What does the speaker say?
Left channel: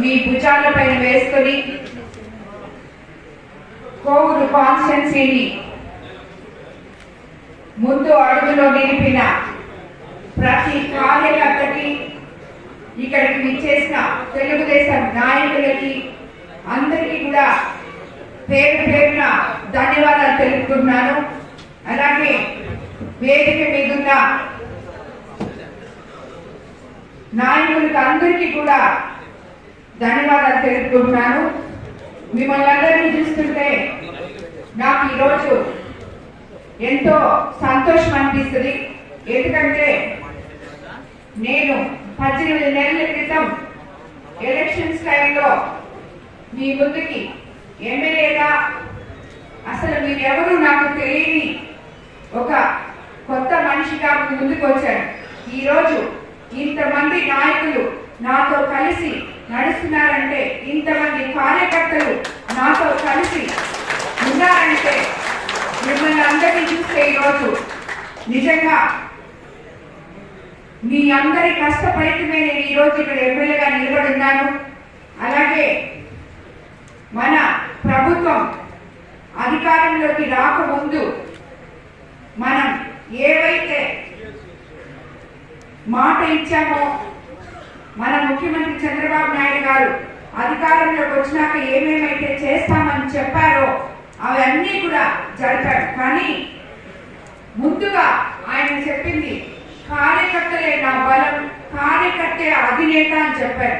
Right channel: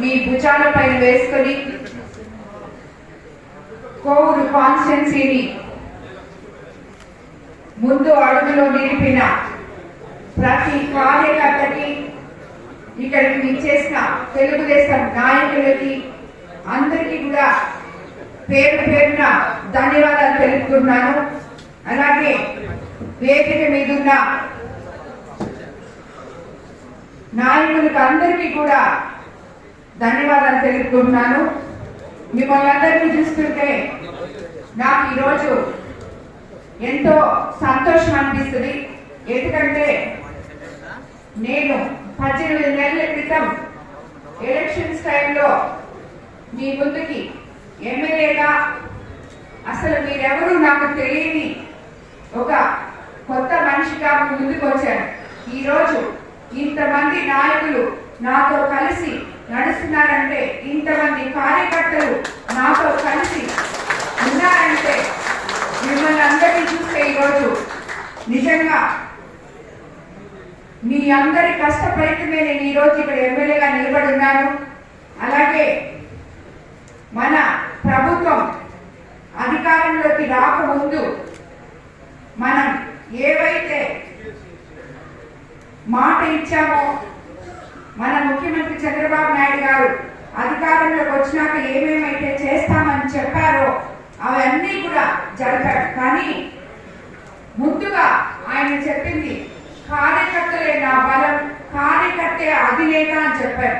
మీ భుజాలపై వేసుకొని కోవూరు కాన్స్టిట్యున్సీని ముందు అడుగులో నిలిపిన ప్రతి కార్యకర్తకి, ఇక్కడికి విచ్చేసిన తెలుగుదేశం నాయకులకి అందరికీ కూడా పేరు పేరున ధన్యవాదాలు తెలుపుతున్నాను. అలాగే వేదిక మీదున్న నాయకులకు అందరికీ కూడా ధన్యవాదాలు తెలుపుతున్నాను. మిమ్మల్ని అందరినీ చూస్తుంటే నాకు ఈరోజు ఎంతో సంతోషం అనిపిస్తుంది. ఎందుకంటే నేను 18 నెలల క్రితం ఎలక్షన్స్ టైంలో మీ ముందుకి ఎమ్మెల్యేగా అసలు మీరెవరూ నాకు తెలియని ఒక కొత్త మనిషిగా ముందుకు వచ్చాను. ఈరోజు ఇంతమంది నాయకులు నాతో కలిసి నడుస్తున్నారంటే, ఇంతమంది కార్యకర్తలు నాతో కలిసి ఉన్నారంటే, మిమ్మల్ని అందరినీ చూస్తే ఈరోజు నిజంగా మీ అందరి కష్టపడితే నేను ఈరోజు ఇక్కడ ఎమ్మెల్యేగా నిలబడి ఉన్నాను. అలాగే మన ప్రభుత్వం అధికారంలోకి రాకముందు మనం ఏవైతే మాట ఇచ్చామో, మన ముఖ్యమంత్రి చంద్రబాబు నాయుడు గారు అధికారంలోకి వచ్చినాక ఏమేమైతే చేస్తామని చెప్పారో అవన్నీ కూడా జరిపారు. కానీ ముందుగా ఆయన చెప్పింది కార్యకర్తలే నా బలం, కార్యకర్తే అధినేత అని చెప్పారు.